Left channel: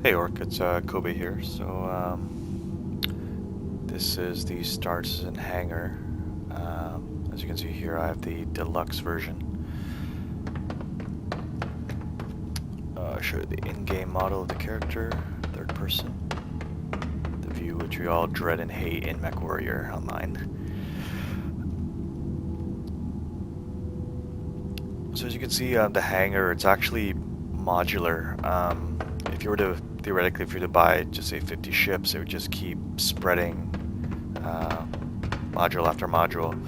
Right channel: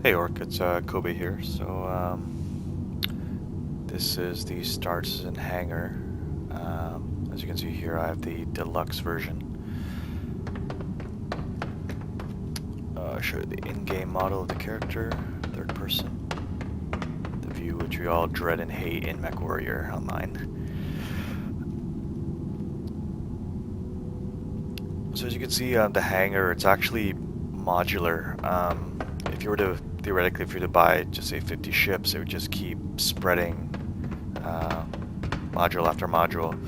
Hey Orc, it's Kobe here. This is the StarCitizen Hangar. As you can see here, I have the Deluxe version. I'll show you the in-game model of the character, third person. The view which we all dread and hate in MechWarrior Online. So as you can see, the hangar, it's actually modular. If you were to, theoretically, if you were to buy, just say 50 ships, it would just keep spreading module after module.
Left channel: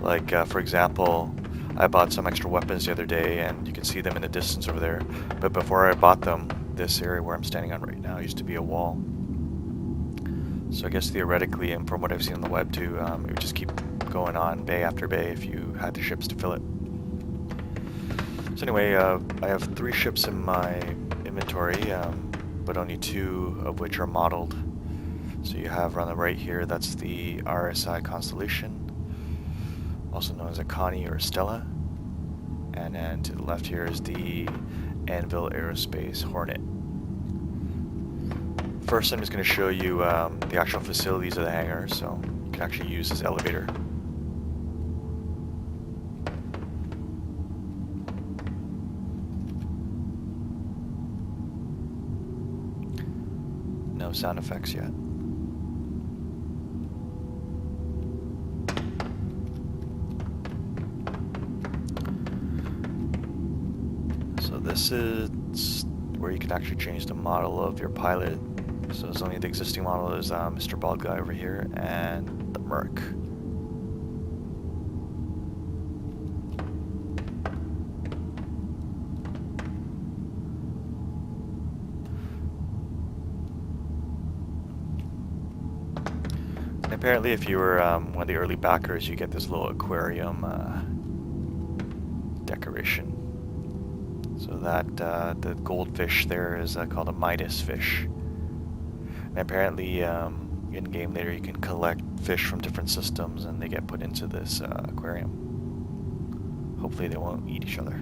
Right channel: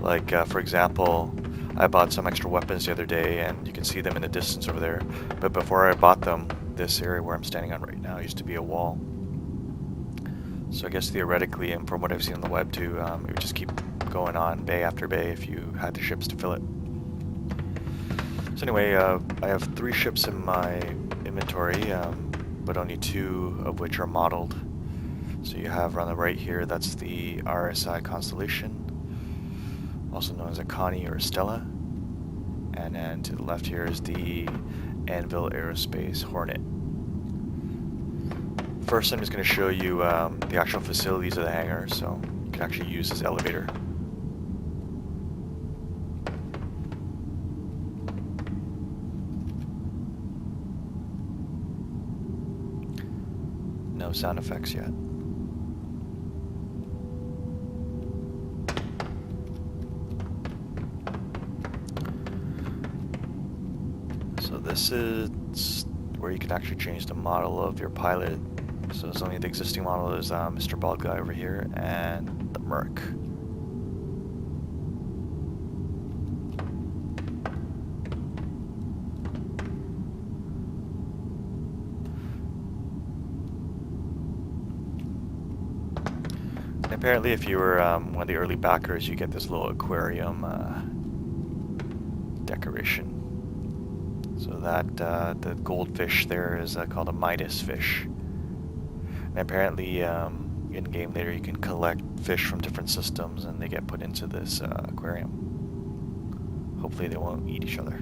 Like, for example, I bought some extra weapons the other day, and you can see them in the distance over there. But before I bought them, this area where I'm standing on right now used to be a wall. So I guess theoretically, and from what I've seen on the web too, it would just keep going on bay after bay if you had the ships to fill it. So anyway, I have 3 ships in my inventory, but only 2 of which are modeled. So you have on the right here, that's the RSI Constellation, also known as a Connie or a Stella. And then to the left here is the Anvil Aerospace Hornet. First, I'm just going to show you the actual facilities of the hangar, so you can actually use this elevator. No sound effects yet. So this is where you can actually change the model of your pilot. So it's only the existing model is Mr. Bald Guy over here and the Merc. And apparently if you were one of the early backers, you get this little aquarium decoration. So that the goldfish there is called a Midas fish. And apparently in-game later you can collect fish from different systems and they get put into this aquarium. Hopefully they won't eat each other.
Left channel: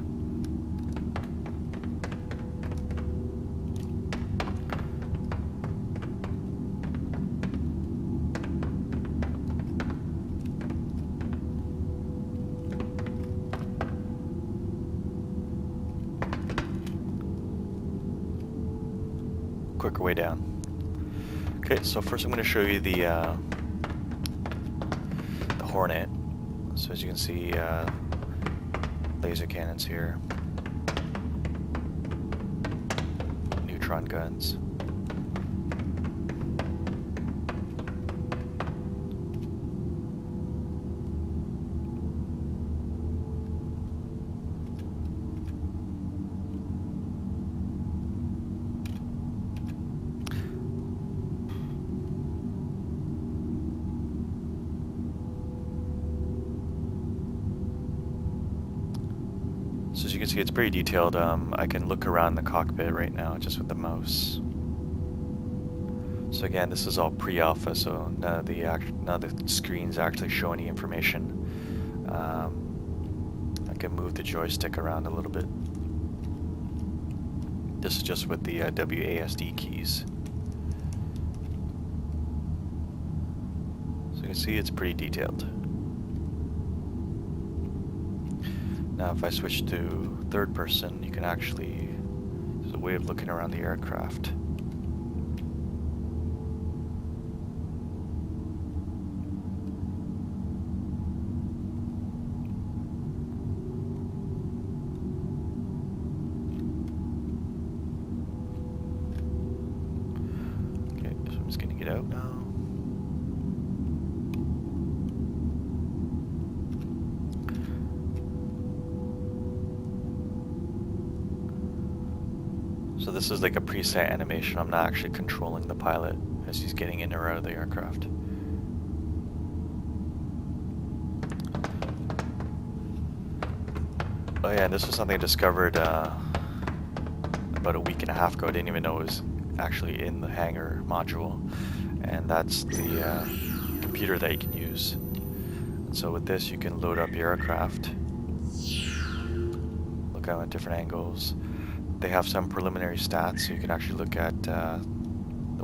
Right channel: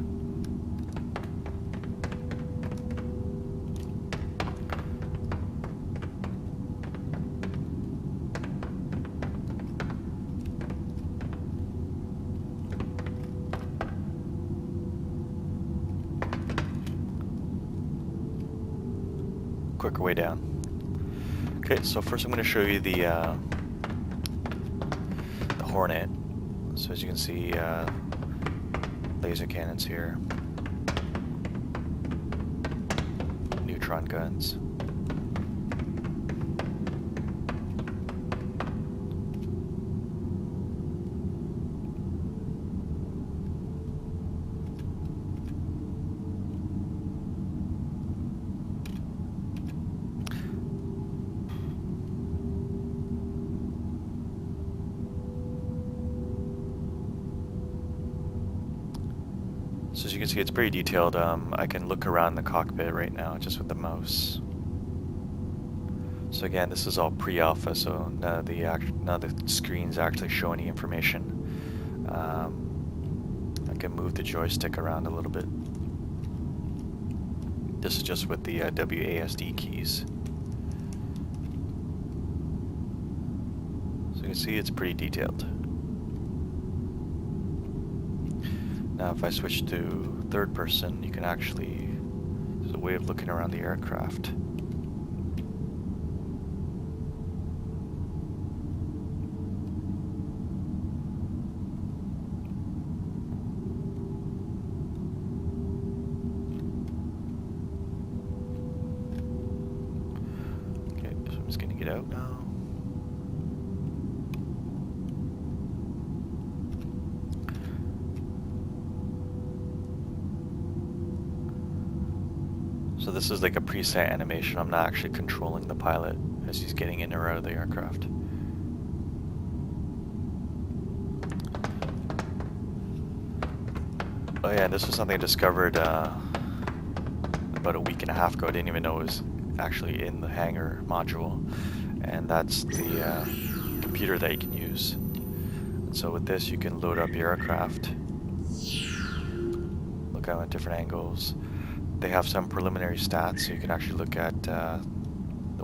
Quicker way down. Okay, so first I'm going to show you the Hornet. So as you can see, laser cannons here, neutron guns. So as you can see, it's pretty detailed. I can look around the cockpit right now just with the mouse. So again, this is all pre-alpha, so none of the screens actually show any information. I can move the joystick around a little bit. This is just with the WASD keys. So you can see it's pretty detailed. Now if I switch to third person, you can actually, there's a way of looking around the aircraft. Okay, so I'm just gonna get out now. So this is like a preset animation. I'm not actually controlling the pilot as he's getting in or out of the aircraft. Oh yeah, and this was something I discovered about a week and a half ago. I didn't even know it was actually in the hangar module. And that's the computer that you can use. And so with this you can load up your aircraft, look out at different angles. they have some preliminary stats, so you can actually look at the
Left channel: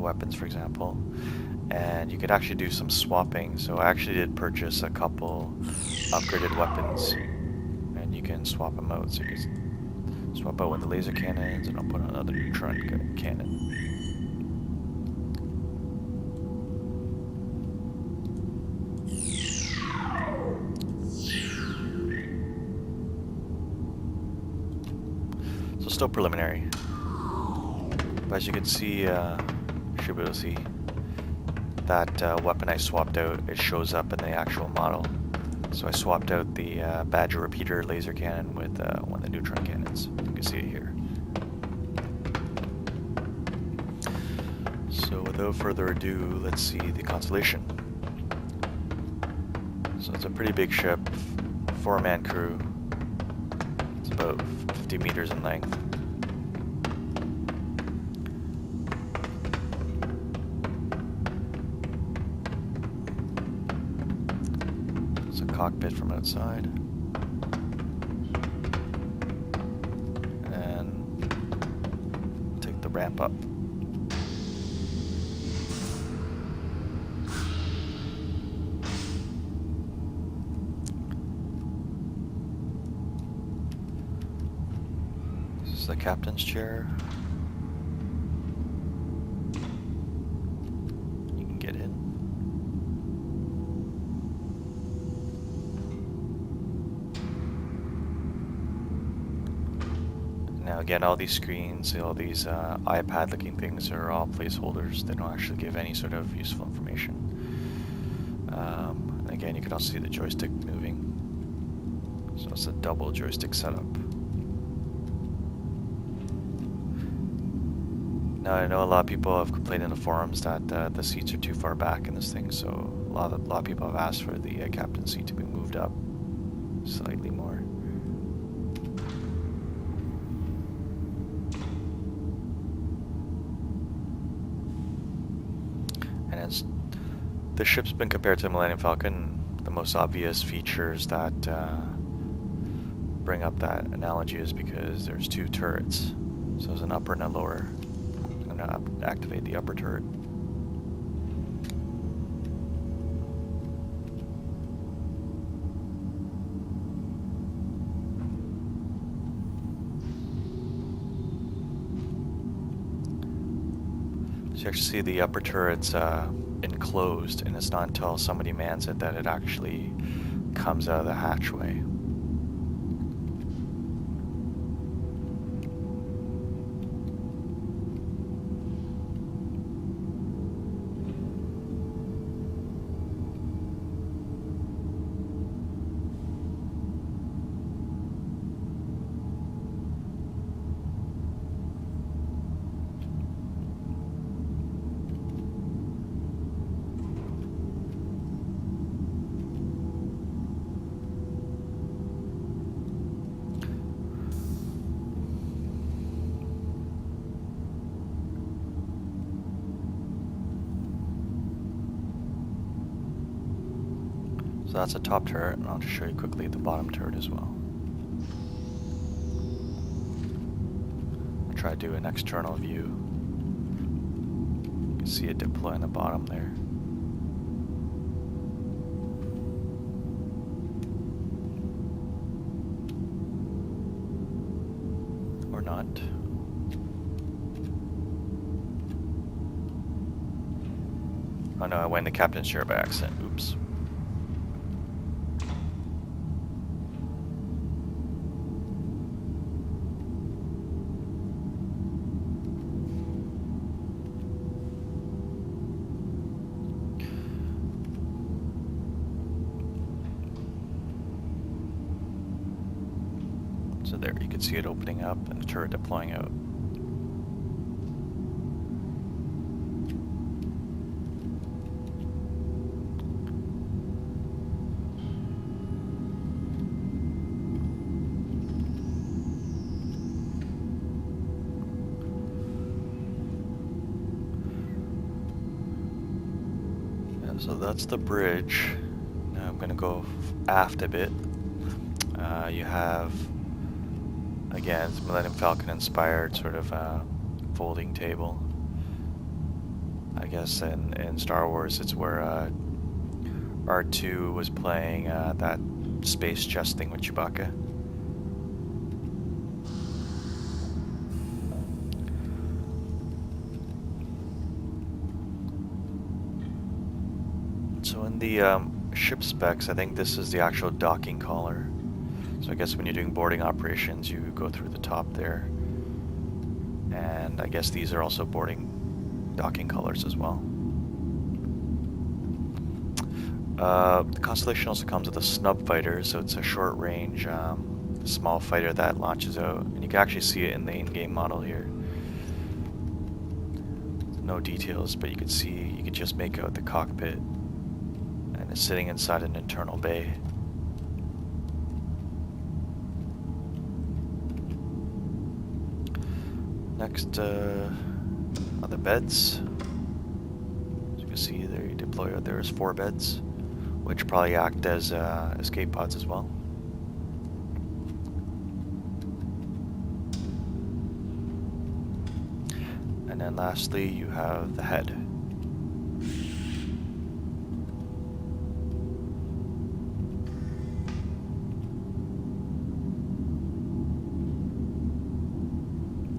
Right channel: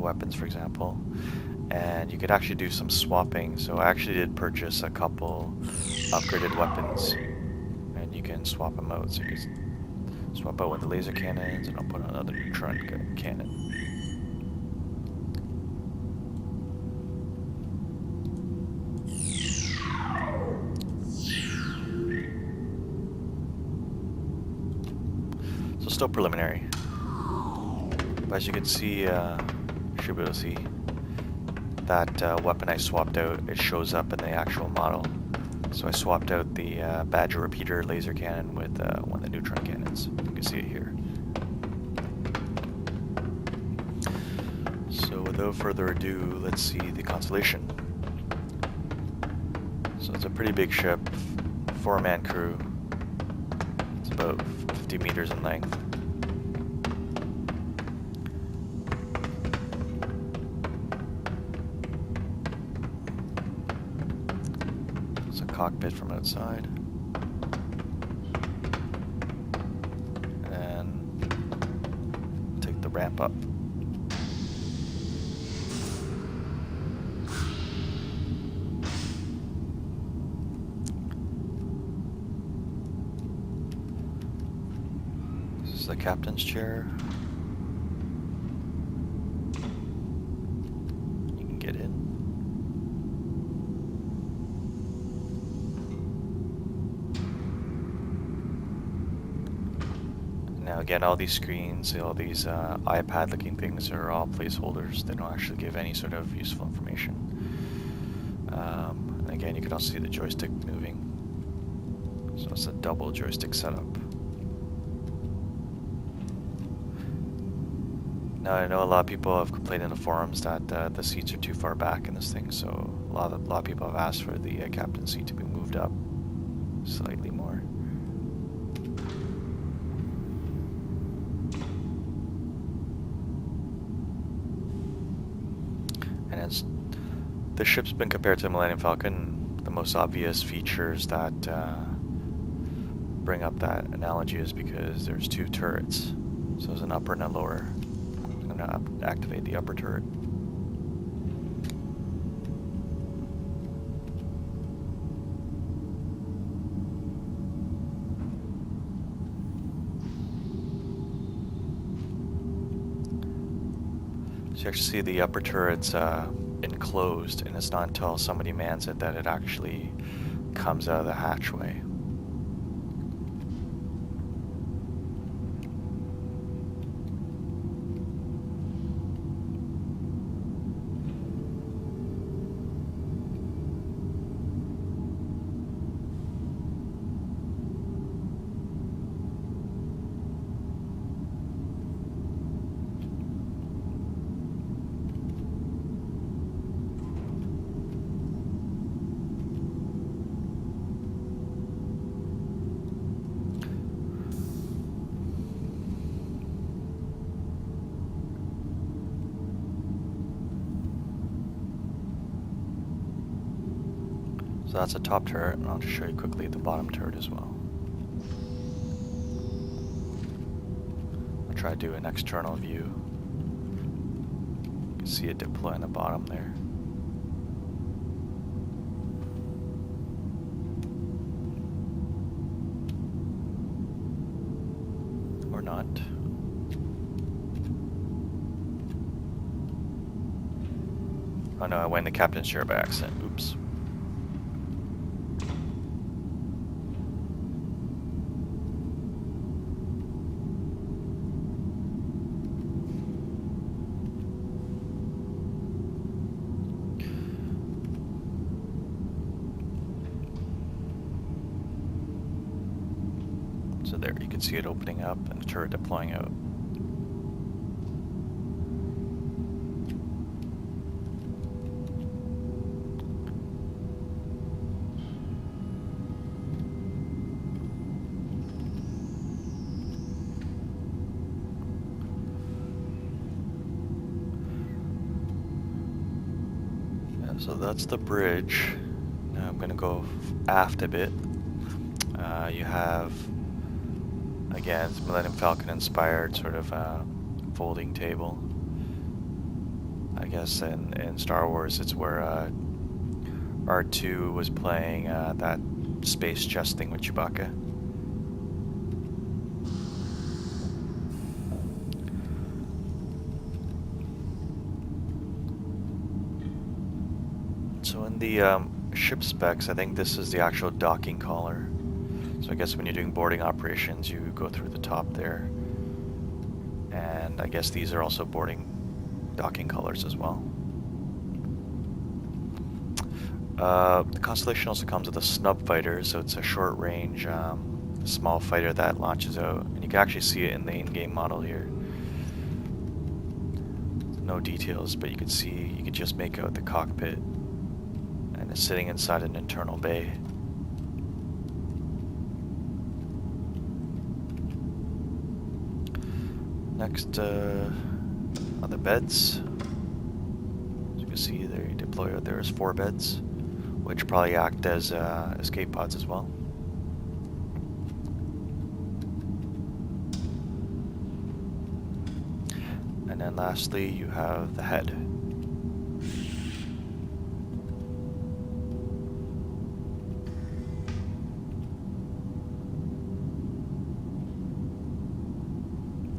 weapons, for example, and you could actually do some swapping. So I actually did purchase a couple upgraded weapons, and you can swap them out. So you can swap out one of the laser cannons, and I'll put on another neutron cannon. So still preliminary, but as you can see, you should be able to see that weapon I swapped out, it shows up in the actual model. So I swapped out the Badger repeater laser cannon with one of the neutron cannons. You can see it here. So without further ado, let's see the Constellation. So it's a pretty big ship, 4-man crew. It's about 50 meters in length. It's a cockpit from outside. And take the ramp up. The captain's chair. You can get in. Now again, all these screens, all these iPad looking things are all placeholders. They don't actually give any sort of useful information. And again, you can also see the joystick moving. So it's a double joystick setup. Now I know a lot of people have complained in the forums that the seats are too far back in this thing, so a lot of people have asked for the captain's seat to be moved up slightly more. And as the ship's been compared to the Millennium Falcon, the most obvious features that bring up that analogy is because there's two turrets. So there's an upper and a lower. I'm going to activate the upper turret. So you actually see the upper turret's enclosed, and it's not until somebody mans it that it actually comes out of the hatchway. So that's a top turret, and I'll just show you quickly the bottom turret as well. I'll try to do an external view. You can see it deploy on the bottom there. Or not. Oh no, I went in the captain's chair by accident. Oops. So there, you can see it opening up and the turret deploying out. Yeah, so that's the bridge. Now I'm going to go aft a bit. You have Again, it's Millennium Falcon inspired sort of folding table. I guess in Star Wars it's where R2 was playing that space chess thing with Chewbacca. So in the ship specs, I think this is the actual docking collar. So I guess when you're doing boarding operations, you go through the top there. And I guess these are also docking colors as well. The Constellation also comes with a snub fighter, so it's a short-range, small fighter that launches out. And you can actually see it in the in-game model here. No details, but you can just make out the cockpit. And it's sitting inside an internal bay. Next, are the beds. As you can see, there you deploy out there is 4 beds, which probably act as escape pods as well. And then lastly, you have the head.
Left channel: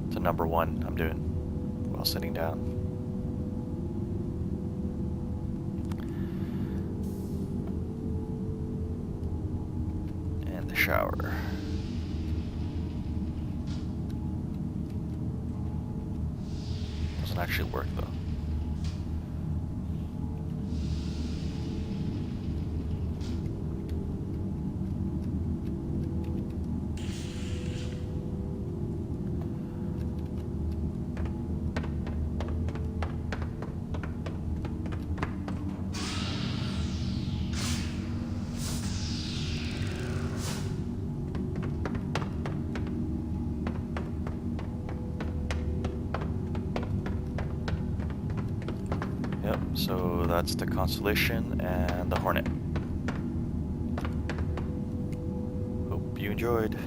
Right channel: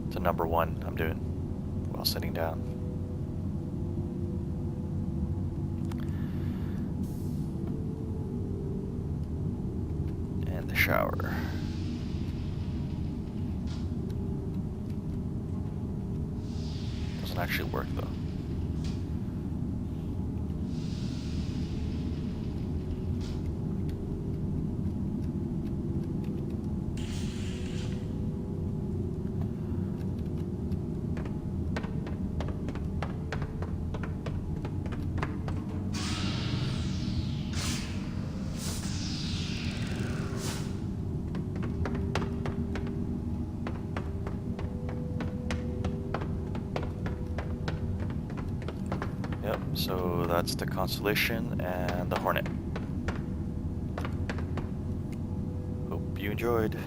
It's a number 1 I'm doing while sitting down. And the shower. Doesn't actually work though. Yep, so that's the Constellation and the Hornet. Hope you enjoyed.